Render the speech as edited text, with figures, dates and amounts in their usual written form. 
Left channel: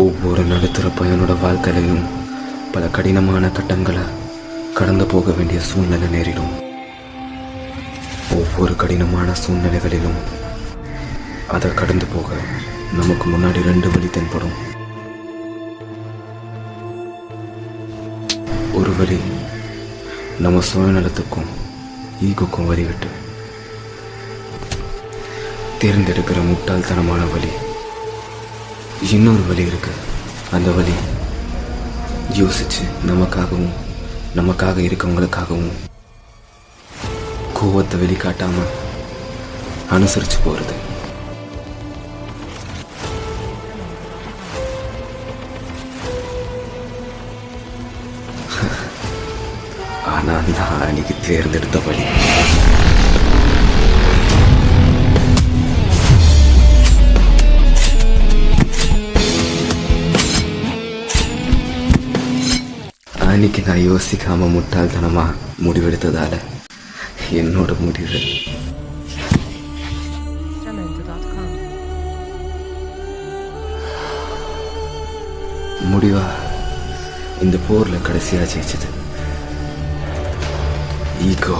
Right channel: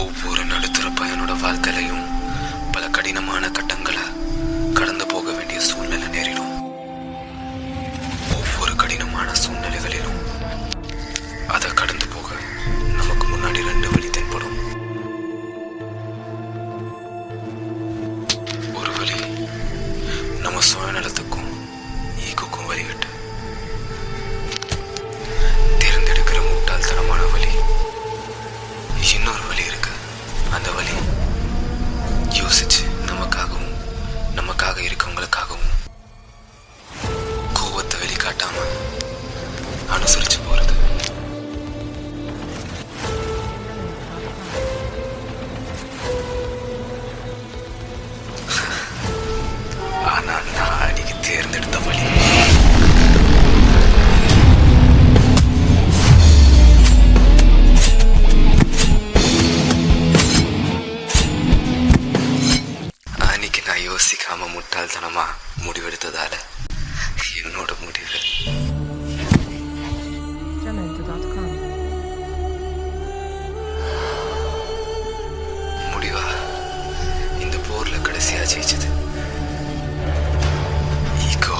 ஒவ்வொரு நடுத்தர பையனோட வாழ்க்கையிலையும் பல கடினமான கட்டங்களை கடந்து போக வேண்டிய சூழ்நிலை நேரிடும். ஒவ்வொரு கடினமான சூழ்நிலைகளிலும் அதை கடந்து போக நமக்கு முன்னாடி 2 வழி தென்படும். ஒரு வழி நம்ம சுயநலத்துக்கும் ஈகோக்கும் வழிவிட்டு தேர்ந்தெடுக்கிற முட்டாள்தனமான வழி. இன்னொரு வழி இருக்கு. அந்த வழி யோசிச்சு நமக்காக இருக்கவங்களுக்காகவும் கோவத்தை வெளிக்காட்டாம அனுசரிச்சு போறது. ஆனா நான் அன்னைக்கு தேர்ந்தெடுத்த வழி அன்னைக்கு நான் யோசிக்காம முட்டாள்தனமா முடிவெடுத்ததால என்னோட முடிவு முடிவா இந்த போர்ல கடைசியா ஜெயிச்சது ஈகோ.